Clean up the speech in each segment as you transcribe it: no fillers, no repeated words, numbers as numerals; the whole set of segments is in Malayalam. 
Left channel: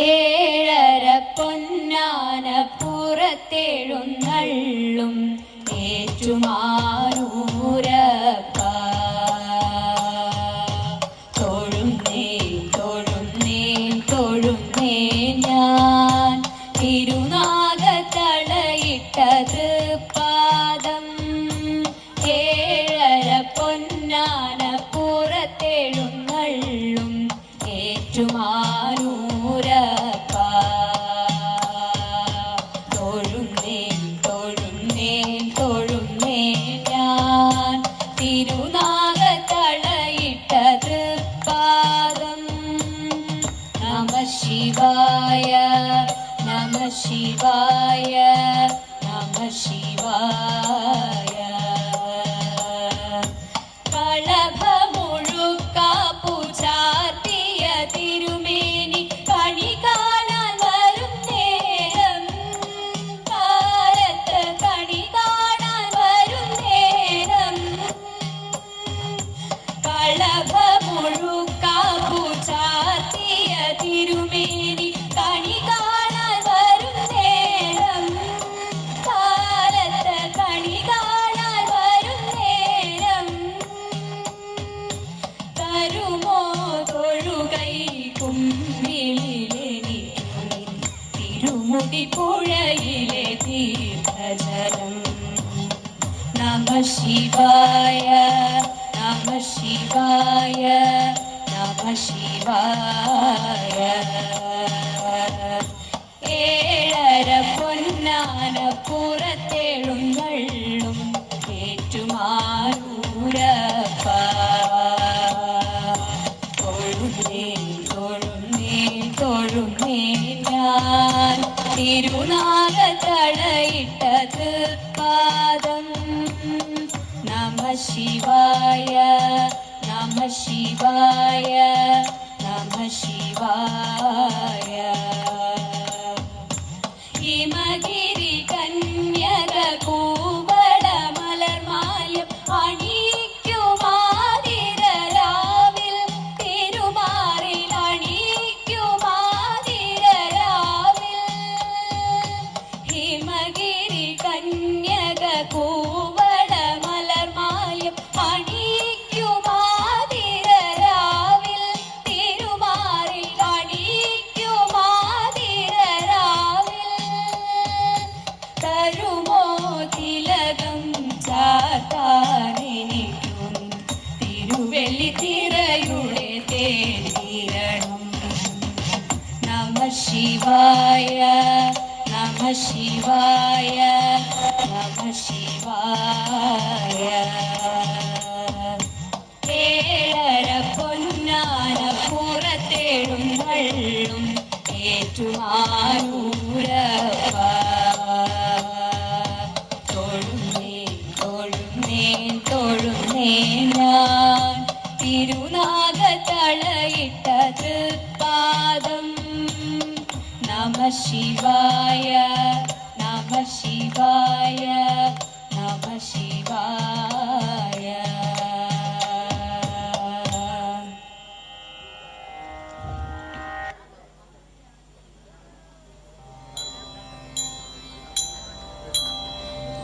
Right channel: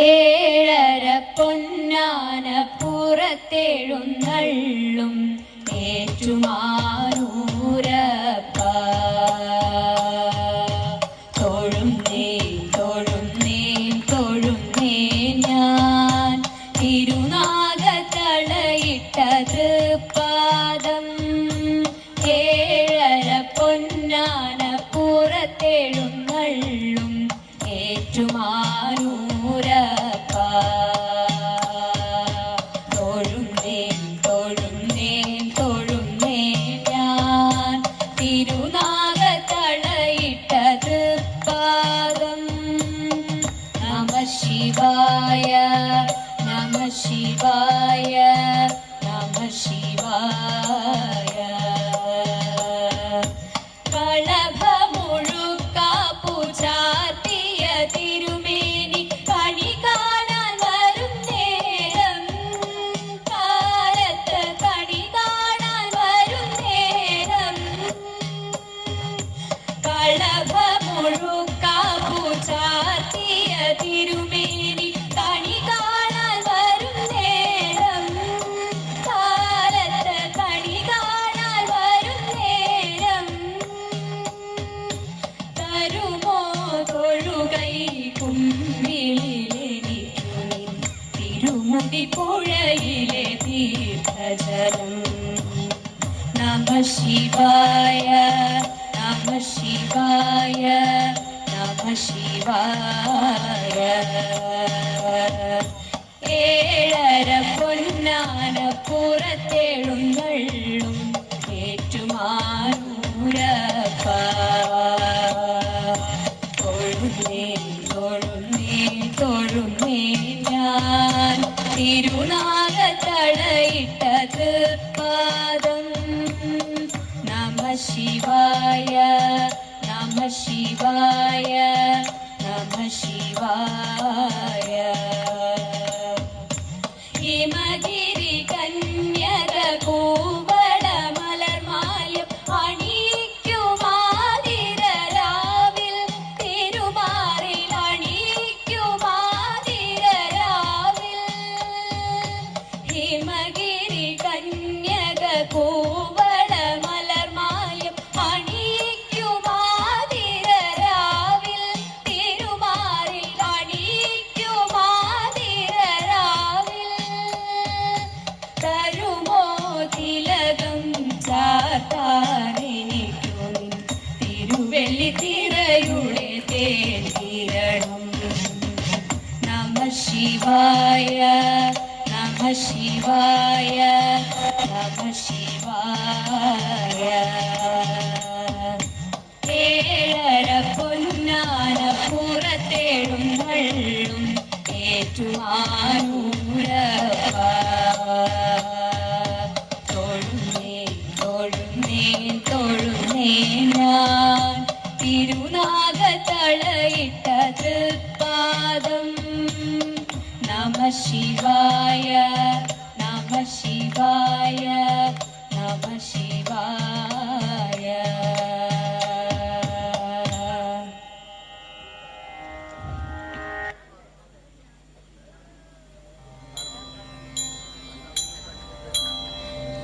ഏഴര പൊന്നാന പുറത്തെഴുന്നള്ളും ഏറ്റുമാനൂരപ്പ തൊഴുന്നേ തൊഴുന്നേ തൊഴുന്നേ ഞാൻ തിരുനാഗത്തളയിട്ടത് പാദം ഏഴര പൊന്നാന പുറത്തെഴുന്നള്ളും ഏറ്റുമാനൂരപ്പ തൊഴുന്നേ തൊഴുന്നേ തൊഴുന്നേ ഞാൻ തിരുനാഗത്തളയിട്ടത് പാദം നമ ശിവായ നമ ശിവായ നമ ശിവായ കളഭമുഴുക്കാപ്പു ചാർത്തിയ തിരുമേനി കണി കാണാൻ വരും നേരം കാലത്ത് കണി കാണാൻ വരും നേരം കളഭമുഴുക്കാപ്പു ചാർത്തിയ തിരുമേനി കണി കാണാൻ വരും നേരം കാലത്ത് കണി കാണാൻ വരും നേരം തരുമോ തൊഴുകൈ കുമ്പിളിലെ തിരുമുടി പുഴയിലെ തീർത്ഥജലം നമ ശിവായ നമ ശിവായ നമ ശിവായ ഏഴര പൊന്നാന പുറത്തെഴുന്നള്ളും ഏറ്റുമാനൂരപ്പ തൊഴുന്നേ തൊഴുന്നേ തൊഴുന്നേ ഞാൻ തിരുനാഗത്തളയിട്ടത് പാദം നമ ശിവായ നമ ശിവായ നമ ശിവായ ഹിമഗിരി കന്യക കൂവട മലർമാലം അണിയിക്കുമാതിരരാവിൽ തിരുമാറിൽ അണിയിക്കുമാതിരരാവിൽ ഹിമഗിരി കന്യക കൂവട മലർമാലം അണിയിക്കുമാതിരരാവിൽ തിരുമാറിൽ അണിയിക്കുമാതിരരാവിൽ തരുമോ തിലകം ചാത്താനെനിക്കു തിരുവെള്ളി തിരയുടെ തേരണം നമ ശിവായ നമ ശിവായ നമ ശിവായ ഏഴര പൊന്നാന പുറത്തെഴുന്നള്ളും ഏറ്റുമാനൂരപ്പ തൊഴുന്നേ തൊഴുന്നേ തൊഴുന്നേ ഞാൻ തിരുനാഗത്തളയിട്ടത് പാദം നമ ശിവായ നമ ശിവായ നമ ശിവായ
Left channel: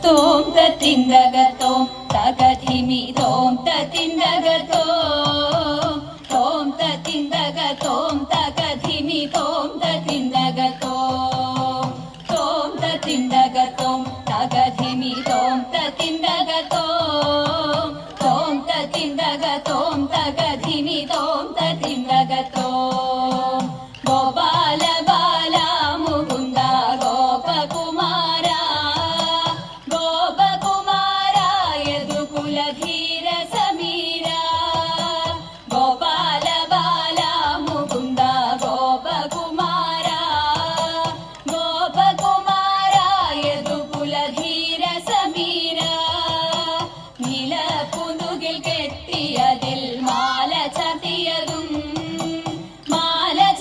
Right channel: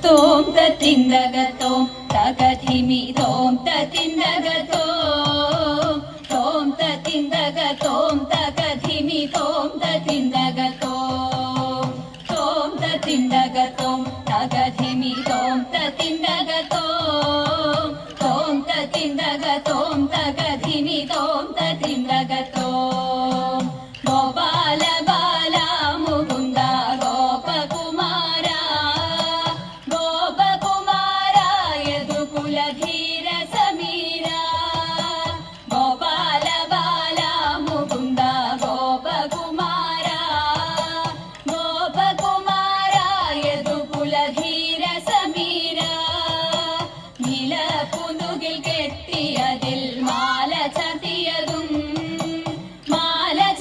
തോം തിണ്ടകത്തോം തകധിമി തോം തിണ്ടകത്തോ തോം തിണ്ടകത്തോം തകധിമി തോം തിണ്ടകത്തോ തോം തിണ്ടകത്തോം തകധിമി തോം തിണ്ടകത്തോ തോം തിണ്ടകത്തോം തകധിമി തോം തിണ്ടകത്തോ ഗോപാല ബാല മുകുന്ദ ഗോപകുമാര ഗോപകുമാര യദുകുലധീര സമീര ഗോപാല ബാല മുകുന്ദ ഗോപകുമാര ഗോപകുമാര യദുകുലധീര സമീര നീലപ്പുനുകിൽ കെട്ടിയതിൽ മാല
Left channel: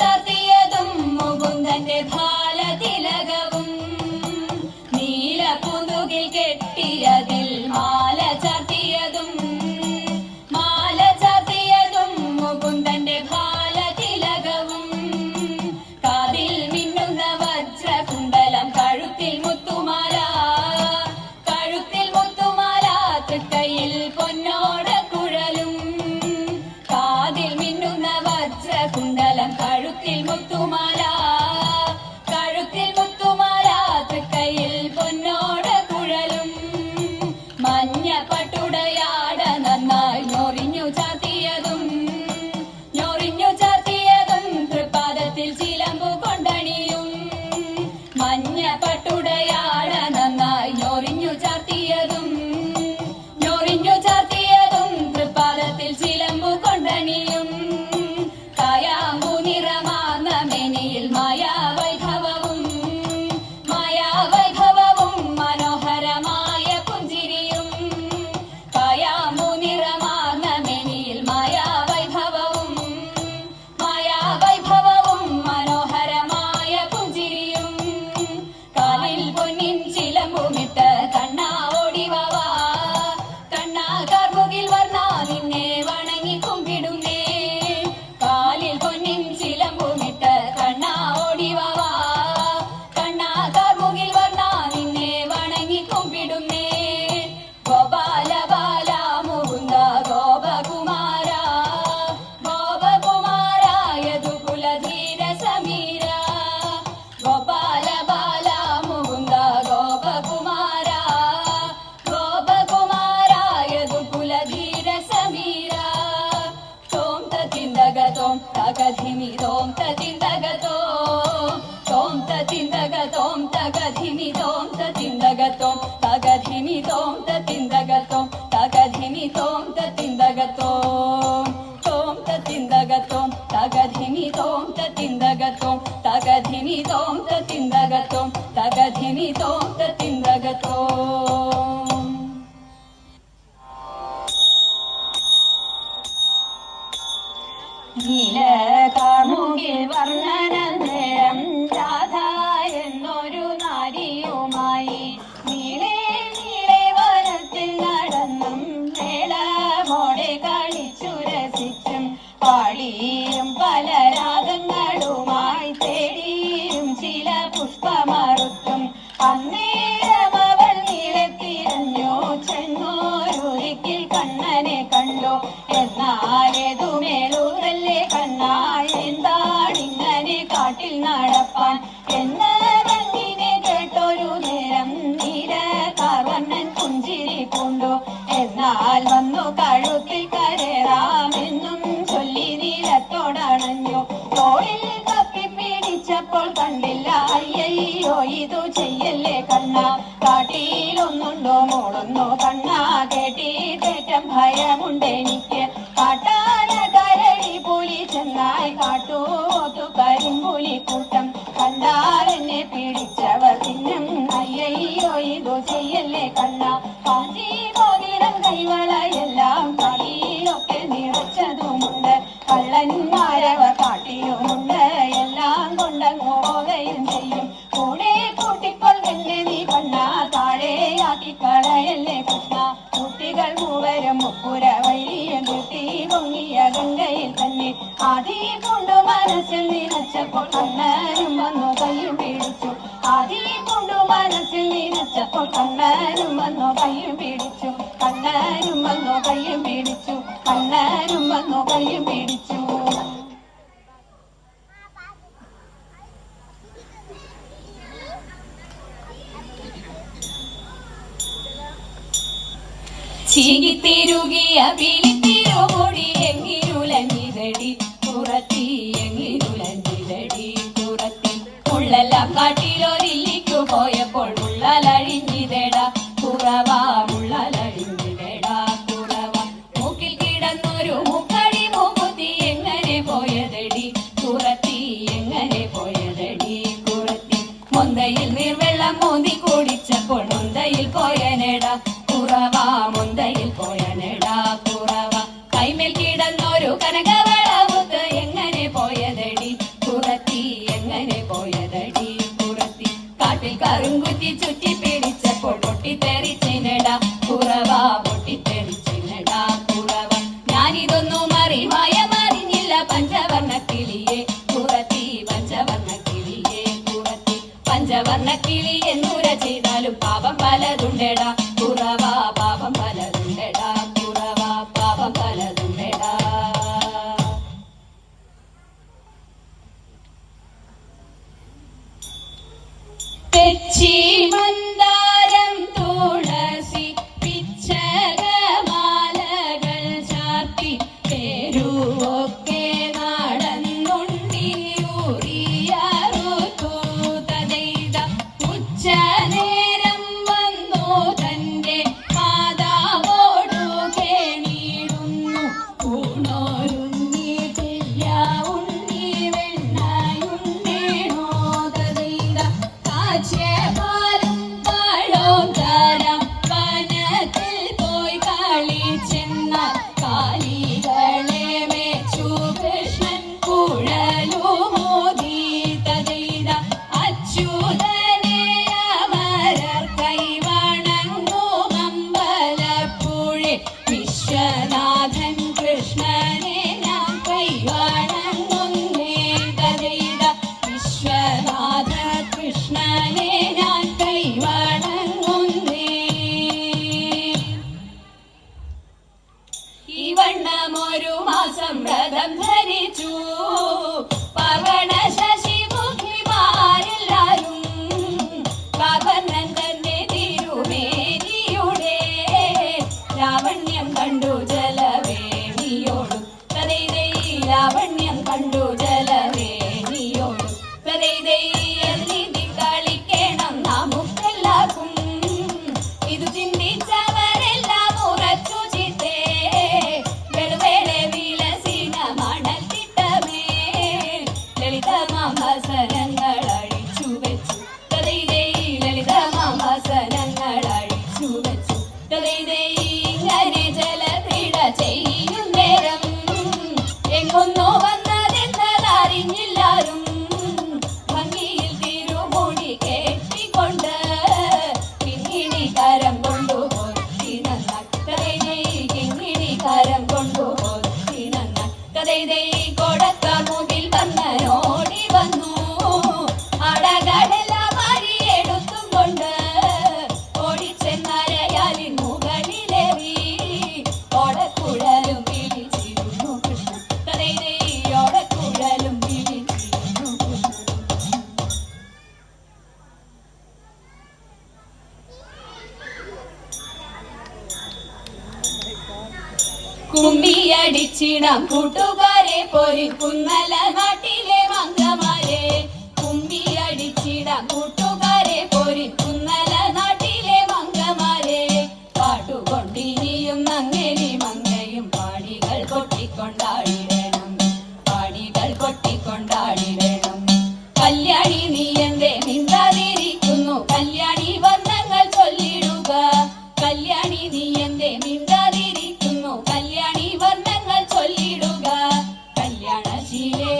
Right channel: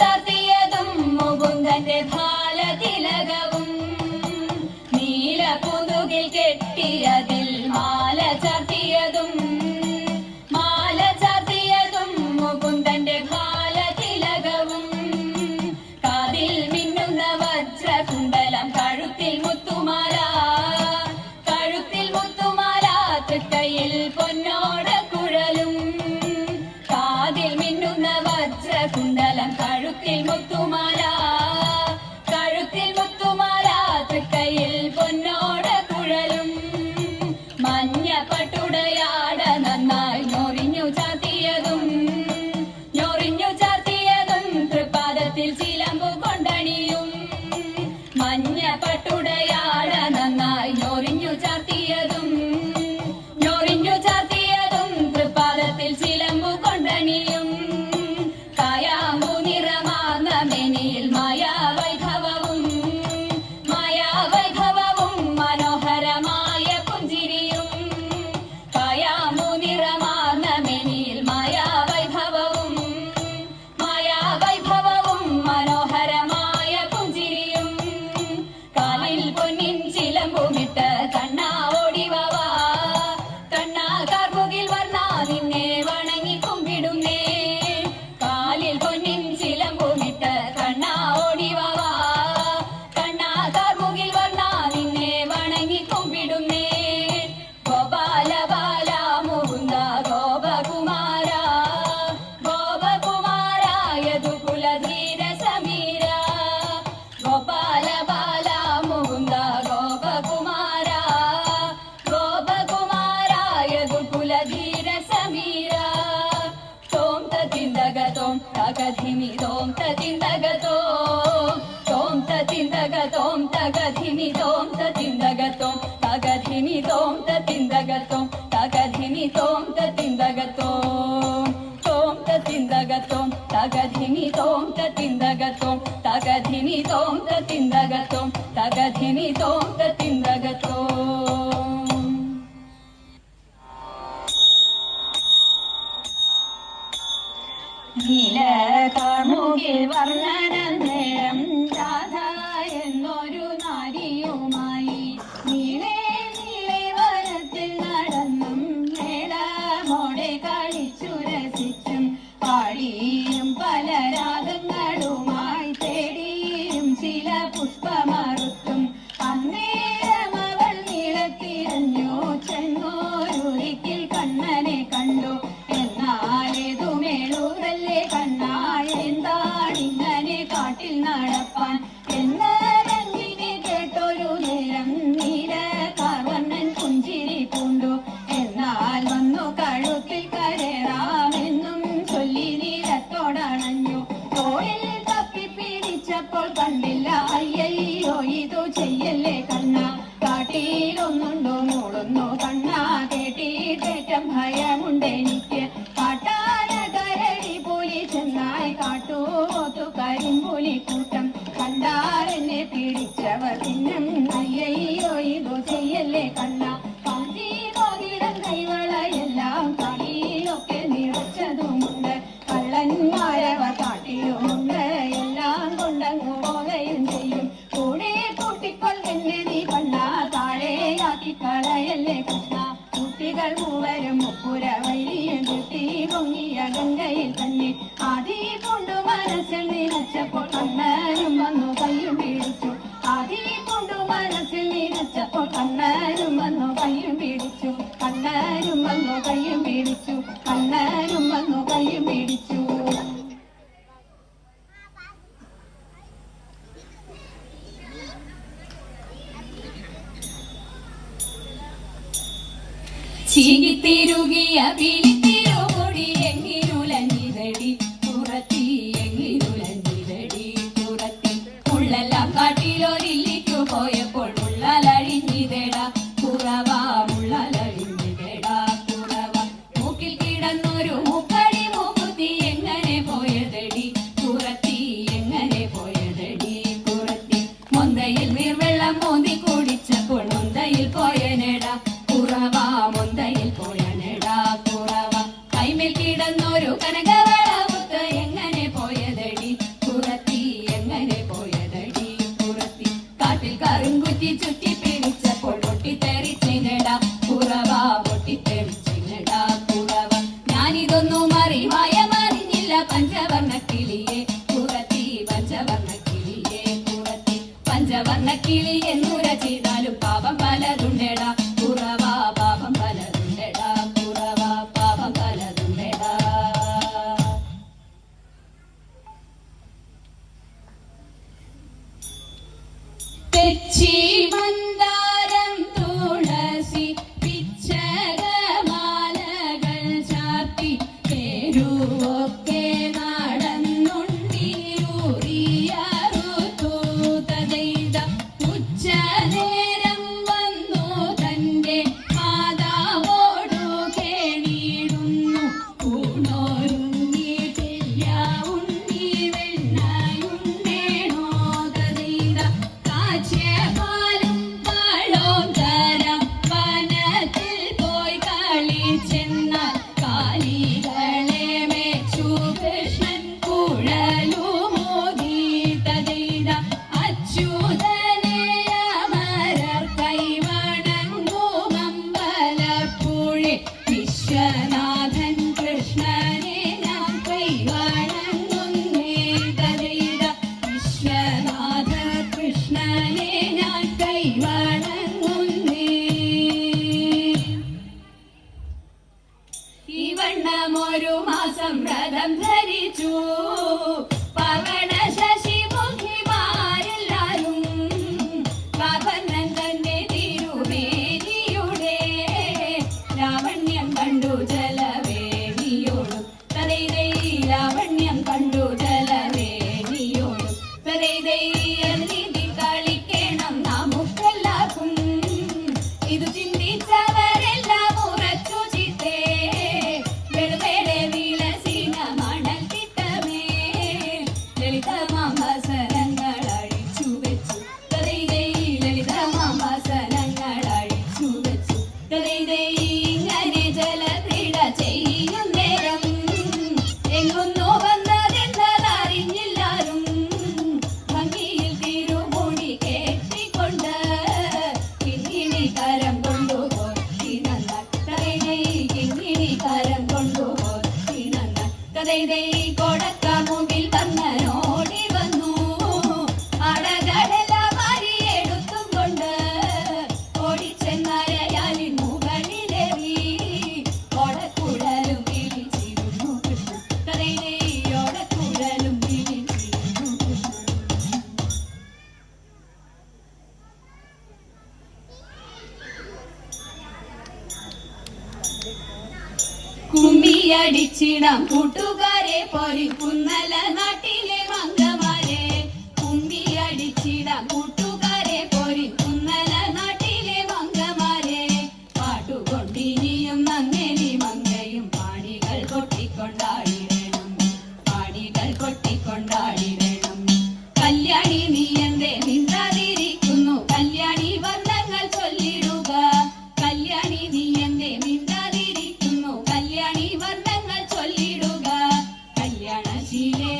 ചാർത്തിയതും മുകുന്ദന്റെ ഭാല തിലകവും നീലപ്പുനുകിൽ കെട്ടിയതിൽ മാല ചാർത്തിയതും മുകുന്ദന്റെ ഭാല തിലകവും കാതിൽ മിന്നുന്ന വജ്രകുണ്ടലം കഴുത്തിൽ മുത്തുമാല തൃക്കൈയിൽ പൊന്നോട കുഴലും കാതിൽ മിന്നുന്ന വജ്രകുണ്ടലം കഴുത്തിൽ മുത്തുമാല തൃക്കൈയിൽ പൊന്നോട കുഴലും മഞ്ഞ പട്ടുടയാട നന്നായി ഞൊറിഞ്ഞു ചാത്തിയതും തൃപ്പാദത്തിൽ ചിലമ്പു കൊണ്ടണിയും മഞ്ഞ പട്ടുടയാട നന്നായി ഞൊറിഞ്ഞു ചാത്തിയതും തൃപ്പാദത്തിൽ ചിലമ്പു കൊണ്ടണിയും കായാമ്പു നിറമാർന്ന മെനിയിൽ മായാവൈഭവവും മനോഹരമായ പുഞ്ചിരിയും കായാമ്പു നിറമാർന്ന മെനിയിൽ മായാവൈഭവവും മനോഹരമായ പുഞ്ചിരിയും കാലിൽ പൊന്നിൻ ചിലമ്പുമിട്ട് കണ്ണാ ഓടിവാ കണ്ണാ കാർമുകിൽ വർണ്ണ നിന്നെ വണങ്ങി കുമ്പിടുന്നേ കാലിൽ പൊന്നിൻ ചിലമ്പുമിട്ട് കണ്ണാ ഓടിവാ കണ്ണാ കാർമുകിൽ വർണ്ണ നിന്നെ വണങ്ങി കുമ്പിടുന്നേ ഗോപാല ബാല മുകുന്ദ ഗോപകുമാര യദുകുലധീര സമീര ഗോപാല ബാല മുകുന്ദ ഗോപകുമാര യദുകുലധീര സമീര തോം തതിന്ദഗതോം തഗധിമി തോം തതിന്ദഗതോം തോം തതിന്ദഗതോം തഗധിമി തോം തതിന്ദഗതോം തഗധിമി തോം തതിന്ദഗതോം തഗധിമി തോം തതിന്ദഗതോം തോം തതിന്ദഗതോം തഗധിമി തോം തതിന്ദഗതോം തഗധിമി തോം തതിന്ദഗതോം തഗധിമി തോം തതിന്ദഗതോം നീലകാർമുകിൽ വർണ്ണനേരം രാധ എന്നൊരു നാരിയുമായി നീളെ വനത്തിൽ നടന്നും മേളമോടെ കളിച്ചു രസിച്ചും പാടിയും പല രാഗങ്ങളുമായി തേടിയും ചില പുഷ്പമറുത്തും അന്നേരം അവൾ നീളത്തിരഞ്ഞു ചെന്നോരൊരിക്കൽ കണ്ണനെ കണ്ടു എന്നാലേതുമേളൂരല്ലേ കണ്ണാ എന്താണിങ്ങനെ കാട്ടിൽ നടപ്പാൻ എന്ന് മഞ്ഞിനെ കേട്ടൊരു നേരം നീലകാർവർണ്ണൻ പുഞ്ചിരി പൂണ്ടു എന്നാൽ വന്നു കഴുത്തിൽ കരേറാമെന്നും ചൊല്ലി നീലത്തോടണഞ്ഞു തോളിൽ തപ്പിപ്പിടിച്ചപ്പോൾ കണ്ടില്ല അയ്യയ്യോ ഇതു ചെയ്യല്ലേ കണ്ണാ കാട്ടിലൊന്നുണ്ടോ മൂടുന്നു കണ്ണാ കേട്ടിട്ടേറ്റം ഭയമുണ്ടെനിക്ക് കാട്ടാന കരടി പുലി ചെന്നായി കാട്ടൂത്തു കരിമ്പുലിക്കൂട്ടം കണ്ടാരെന്നെ പിടിച്ചവർ തിന്നും അയ്യയ്യോ ഇതു ചെയ്യല്ലേ കണ്ണാ കാഞ്ചി മോതിരം കൈവളയെല്ലാം കളിയൊക്കെ നിറച്ചതുമുണ്ട് കള്ളന്മാരവ കാട്ടിയുമുണ്ട് എല്ലാം കൊണ്ടങ്ങോകയും ചെയ്യും കൂടെ കൂട്ടിക്കൊള്ളല്ലേ നീ കണ്ണാ താഴെയാക്കി കളയല്ലേ കൃഷ്ണ കുട്ടികൾ മൂവരും മുപ്പുര വഴിയും കുട്ടി പൊങ്ങിയ ഗംഗയിൽ തന്നെ ആദി കൊണ്ടു മനസ്സിൽ നിനച്ചപ്പോൾ കണ്ണനും വന്നു കയ്യും പിടിച്ചു ആദി കൊണ്ടു മനസ്സിൽ നിനച്ചപ്പോൾ കണ്ണനും വന്നു കയ്യും പിടിച്ചു കണ്ണനും വന്നു കയ്യും പിടിച്ചു കണ്ണനും വന്നു കയ്യും പിടിച്ചു ചീകിത്തിരുകിയ പിലിത്തിരുമുടി എങ്ങിരുലഞ്ഞികടി പുറത്തി എങ്ങിരുലഞ്ഞികടി പുറത്തി ഉള്ളെല്ലാം കാട്ടിലൊരിക്കു പോയപ്പോൾ ഉള്ളലഴിഞ്ഞിതേട കുറവാ ഉള്ളലഴിഞ്ഞിതേട പോയനെടാ കുറവ മൊന്തയിൽ പോയനെടാ കുറവ കൈമേൽ കിടന്നൊരു കനകവളവുത്ത് എങ്ങനെ പോയതടി കുറത്തി എങ്ങനെ പോയതടി കുറത്തി കാട്ടിൽ കറുങ്കുത്തി ചുറ്റി പിടിച്ചപ്പോൾ പൊട്ടിത്തെറിച്ചിനെടാ കുറവ പൊട്ടിത്തെറിച്ചിനെടാ കുറവ ഞാനിതൊന്നും മറിഞ്ഞില്ല പഞ്ചവർണ്ണ കിളിയെ കുറത്തി പഞ്ചവർണ്ണ കിളിയെ കുറത്തി പഞ്ചവർണ്ണ കിളി എന്നുര ചെയ്താലും പാപം പലതുണ്ടെടാ കുറവ പാപം പലതുണ്ടെടാ കുറവ പാപം പലതുണ്ടെടാ തെച്ചി മന്ദാരം തുളസി പിച്ചകമാലകൾ ചാർത്തി തെരുവൊക്കെ നടന്നുണ്ടിയൂറിയാറുത്തു തതെയ്ത ഉച്ചനേരം വന്നു തന്റെ മാതാവോടു കേണിടുന്നു ഊണോരുണ്ണിട്ടില്ല ഉണ്ണി വെണ്ണയുണ്ടേണോ തതെയ്ത കാച്ചപാലും പഴവും തരാം വനത്തിൽ പോയി കളിച്ചെന്നാൽ കാലികളെ മേച്ചു കൃഷ്ണൻ കുഴലുമോദി തതെയ്ത അച്യുതനെ അമരർ കൈവണങ്ങുമമ്പലപ്പുഴെ വിശ്വനാഥൻ കൃഷ്ണനെ ഞാൻ കൈവണങ്ങുന്നേ തതെയ്ത വിശ്വനാഥ കൃഷ്ണനെ ഞാൻ കൈവണങ്ങുന്നേ ഈ വണ്ണമൊരു മാസം വ്രതം ധരിച്ചു പർവണ ശശി മുഖ്യമാരെല്ലാരും കാകർണൻ തന്നെ തിരുമേനിയുടെ ലാവണ്യം കണ്ടു ജലവേണിയോടും കഥയിലെ ലാവണ്യം കണ്ടു ജലവേണിയോടും കഥയിലെ നീതി കളിക്കണം നമുക്കെല്ലാവർക്കും ഇത് ചിന്തിച്ചവരെല്ലാം ഉറച്ചു ചിത്തേ വെളുവേളെ വിലസിന മണൽ കിട്ടമേ ലളിതമാസനങ്ങൾ അഴിച്ചു വെച്ചു കഥയിലെ ലളിതമാസനങ്ങൾ അഴിച്ചു വെച്ചു കഥയിലെ ഇങ്ങനെ ജലക്രീഡ ചെയ്യും നേരം എങ്ങൊന്നോ വന്നതെന്നതറിഞ്ഞില്ലാരും ഭംഗിയിൽ തിരുമുടി കെട്ടിക്കൊണ്ട് കിങ്ങിണിക്കാരം കൊണ്ടുപോയി നന്ന കഥയിലെ കിങ്ങിണിക്കാരം കൊണ്ടുപോയി നന്ന കഥയിലെ കൊടത്ത മുകിൽ കണ്ണനോടി വന്നു അടകടല മരിയെടുത്തും കൊണ്ട് ഓടിച്ചെന്നരയാലിൻ മുകളിലേറി ഓടക്കുഴലും വിളിച്ചിരുന്നു കൃഷ്ണ കഥയിലെ ഓടക്കുഴലും വിളിച്ചിരുന്നു കൃഷ്ണ കുമ്മിയടിച്ചിടാം കൂട്ടുകാരെ പൊരിക്കുന്നല നാട്ടിലെ മംഗമാരെ കുമ്മിയടിച്ചിടാം കൂട്ടുകാരെ പൊരിക്കുന്നല നാട്ടിലെ മംഗമാരെ പാട്ടുകൊണ്ടിനിയും നങ്ങേലി മങ്ങയും പാടികൾ കൊട്ടിക്കൊണ്ടാടി വേണം പാടികൾ കൊട്ടിക്കൊണ്ടാടി വേണം കല്യാണി നീ എന്തേ മിണ്ടാതിരിക്കുന്നു കല്യാണി വർണ്ണങ്ങൾ ചൊല്ലിടുക കല്യാണി നീ എന്തേ മിണ്ടാതിരിക്കുന്നു കല്യാണി വർണ്ണങ്ങൾ ചൊല്ലിടുക കല്യാണശിയെ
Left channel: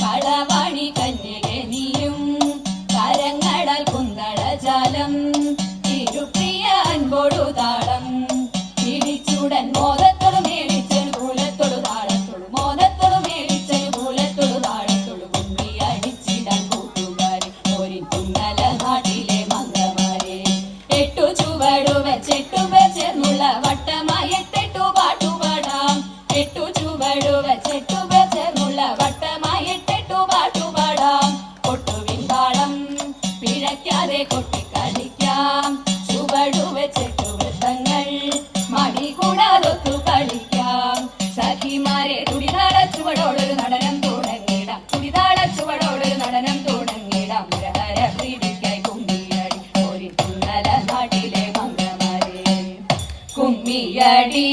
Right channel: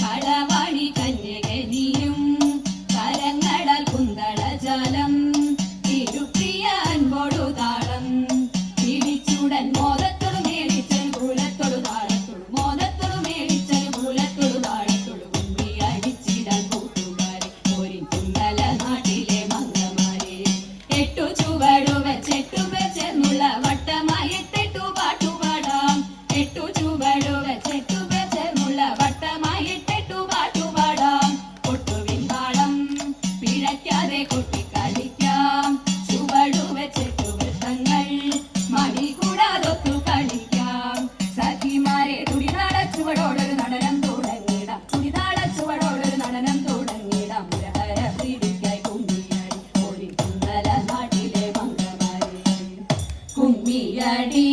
കളവാണി കന്യകെ നീയും കരങ്ങളാൽ കുന്തളജാലം തിരുപ്രിയ അൻപോടു താളം പിടിച്ചുടൻ മോദത്തോട് മേടിച്ച് മൂലത്തോട് താളത്തോട് മോദത്തോട് മേടിച്ച് മൂലത്തോട് താളത്തോട് കുമ്പി അടിച്ചിടാൻ കൂട്ടുകാരി ഒരു കുന്നല നാട്ടിലെ മംഗമാരെ എട്ടു ചുവടു വെച്ചെട്ടു വെച്ചെന്നുള്ള വട്ടമായി എട്ടെട്ടു പാട്ടുപാടാം എട്ടു ചുവടു വെച്ചെട്ടു വെച്ചെന്നുള്ള വട്ടമായി എട്ടെട്ടു പാട്ടുപാടാം ഒട്ടുവിൻ താളം പിഴയ്ക്കാതെ കൊട്ടിക്കളിക്കാം ചുവടു വെച്ചെട്ടു വൃത്തങ്ങൾ മണി കൂടാതൊത്തു കളിക്കാം സഖിമാരെ തുടിതാള ചുവടോടൊരു നടനം തുടങ്ങിടാം തുടിതാള ചുവടോടൊരു നടനം തുടങ്ങിടാം മുരഹര പ്രീതിക്കായി കുമ്മിയടി ഒരു കുന്നല നാട്ടിലെ മംഗമാരെ കുമ്മിയടി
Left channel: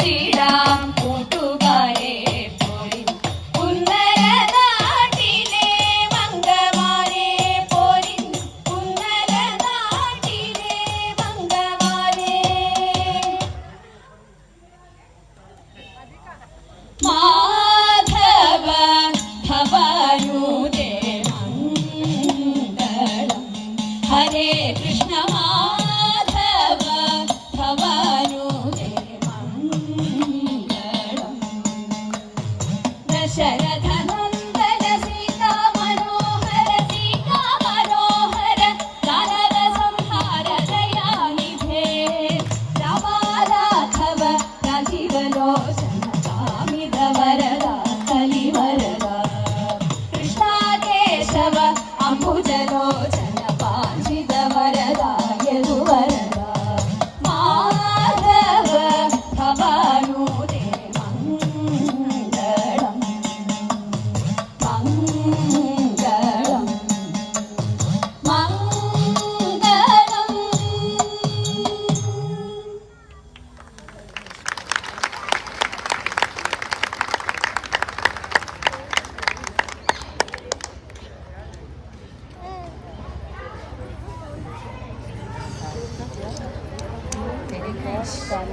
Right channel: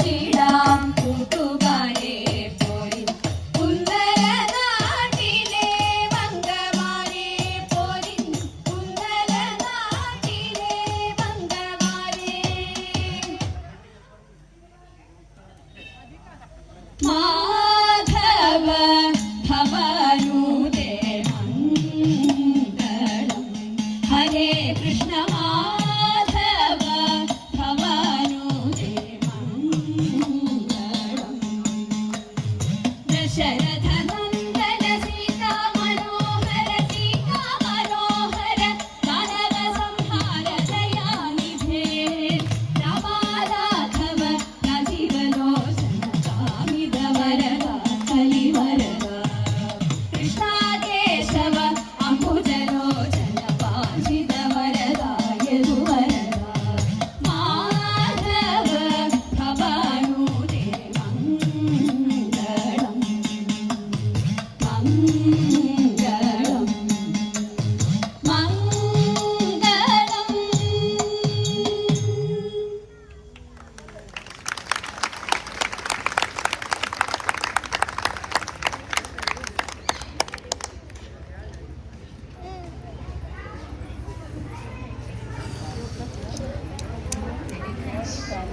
ചിടാം കൂട്ടുകാരെ പോരി കുന്നല നാട്ടിലെ മംഗമാരെ പോരി കുന്നല നാട്ടിലെ മംഗമാരെ നമസ്കാരം.